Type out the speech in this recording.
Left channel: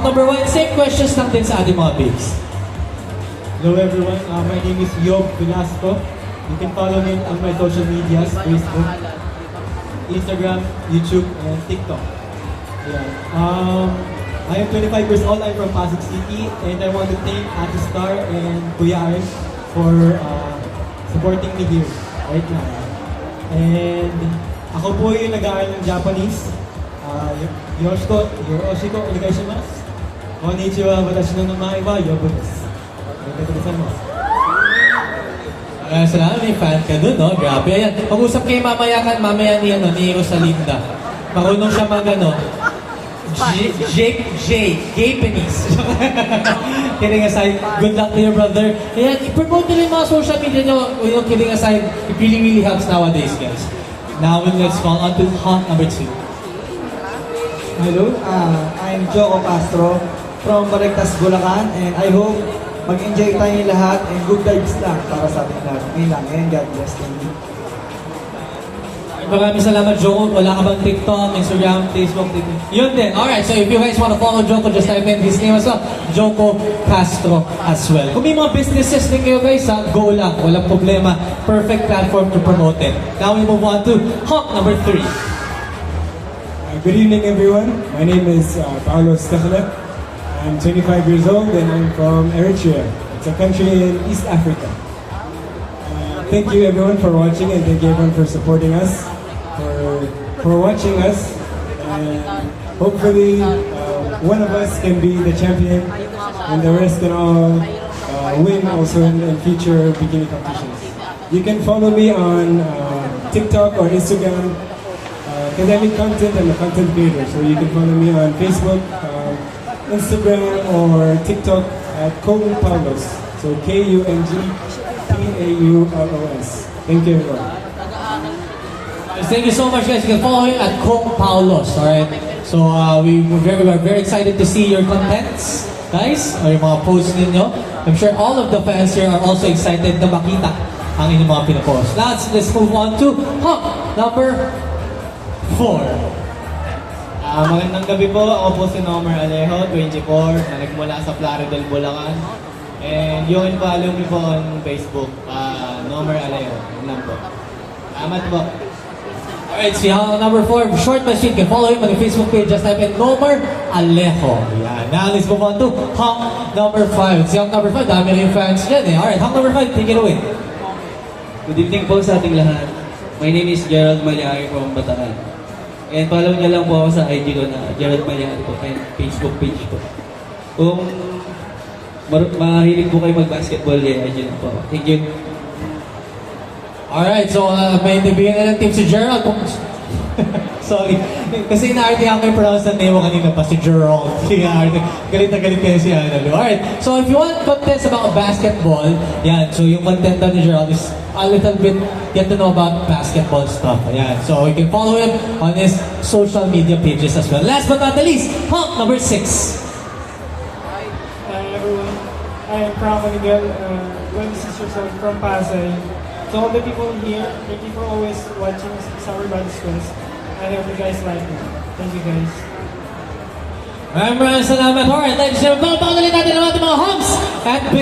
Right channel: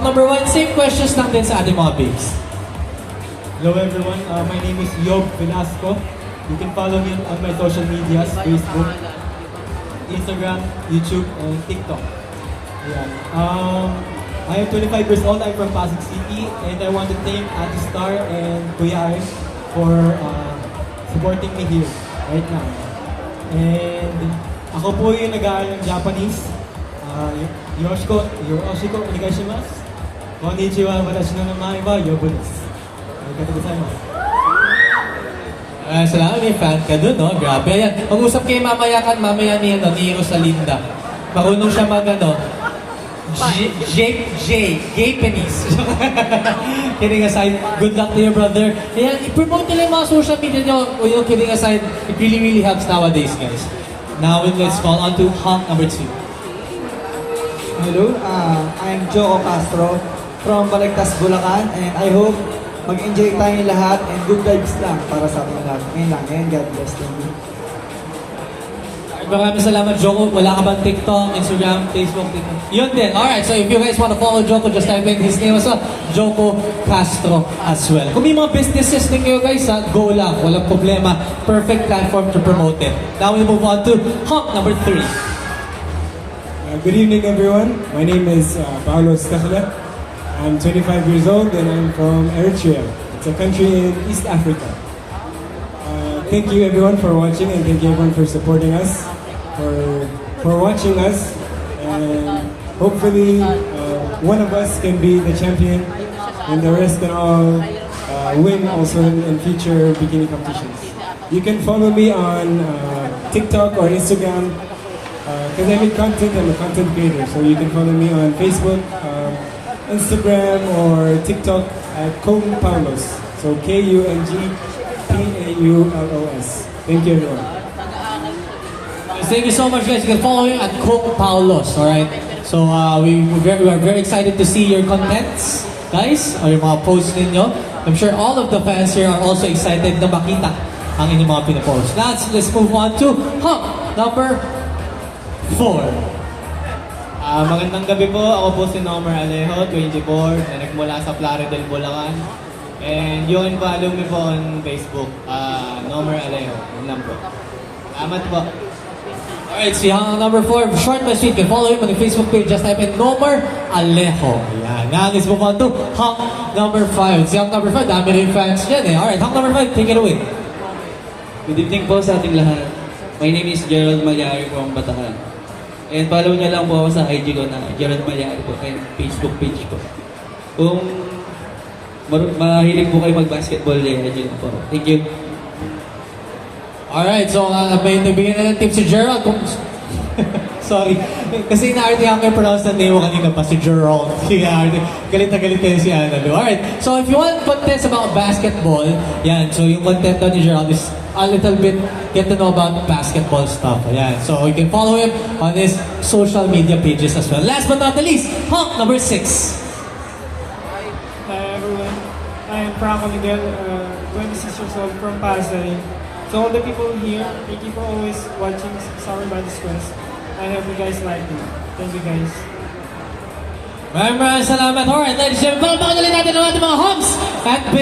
Hawk number 1, same questions lang din sa ating mga babes. Hello everyone, my name is Yob Velasco. You can follow me on my social medias, Facebook, Instagram, YouTube, and TikTok. I am 25 years old, I'm from Pasig City, and I want to thank Ate Star and Kuya Ian for supporting me here right now. And ako po yung nag-aaral ng Japanese. Yoshiko, onegaishimasu. Konnichiwa, watashi no namae wa Yobu desu. Arigatou gozaimasu. Salamat, may fan ka dun, no? Grabe yan. Pag-usap kayo mamaya ni Rosalinda. Marunong siya Japanese. Kidding aside, good luck to your brother. Ayan, i-promote nila yung mga social media nyo. Kidding aside, it really helps nowadays, guys. Now, let's call on to Hawk number 2. Hello, I'm Joe Castro from Balagtas, Bulacan, and I hope mag-enjoy tayong lahat and good vibes lang para sa ating lahat. Ngayon lang, and God bless you. Maraming salamat, Joko. Wala ka bang TikTok, Instagram, Facebook, yun din. Alright, so if you guys want to follow Joko, just type in his name as well, Joko Castro as well. Kung may mga businesses din kayo guys, go lang. Walang problema. Perfect platform to promote it. Now we move on to Hawk number 3. Good evening everyone, my name is Paolo Stefana. I'm 25 years old and I'm from Eritrea. It's a country in East Africa. Thank you everyone for watching and thank you everyone for supporting us, for watching us, and hopefully one of us can be the champion and the rest can all win also in future bikini competitions. You can follow me on TikTok or Instagram because I make content. I'm a content creator, so you can follow me on Facebook, Instagram or TikTok at Kung Paulos. So KUNGPAULOS. Thank you everyone. Thank you so much guys. You can follow him at Kung Paulos. Alright? So we are very excited to see your contents, guys, or yung mga posts ninyo. I'm sure all of the fans here are also excited na makita ang inyong mga pinapost. Now let's move on to Hawk number 4. Magandang gabi po. Ako po si Nomer Alejo, 24. Nagmula sa Plaridel, Bulacan. And you can follow me po on Facebook, Nomer Alejo. Yun lang po. Salamat po. Alright, si Hawk number 4, short but sweet. You can follow him on the Facebook page. Just type in Nomer Alejo. Yan. Now let's move on to Hawk number 5. Si Hawk number 5, dami rin fans dyan eh. Alright, Hawk number 5, take it away. Good evening po sa ating lahat. My name is Gerald Malyari from Bataan. And follow niyo lang po ako sa IG ko na Gerald Malyari po and Facebook page ko. Kung mahilig po kayo mag-basketball, IG lang po. Thank you. Alright, so may nabigyan na ng tip si Gerald. Sorry. Kasi inaarte ang may pronounce na name mo kanina pa si Gerald. Galit na galit kayo si Annalou. Alright, so if you want contents about basketball, yan. So yung content ni Gerald is a little bit get to know about basketball stuff. Ayan. So you can follow him on his social media pages as well. Last but not the least, Hawk number 6. Hi everyone, I am Prama Miguel, 26 years old from Pasay. So all the people here, thank you for always watching Summer Body Quest. I hope you guys like it. Thank you guys. Maraming salamat. Alright, ladies and gentlemen, pakinulit natin ang ating mga Hawks at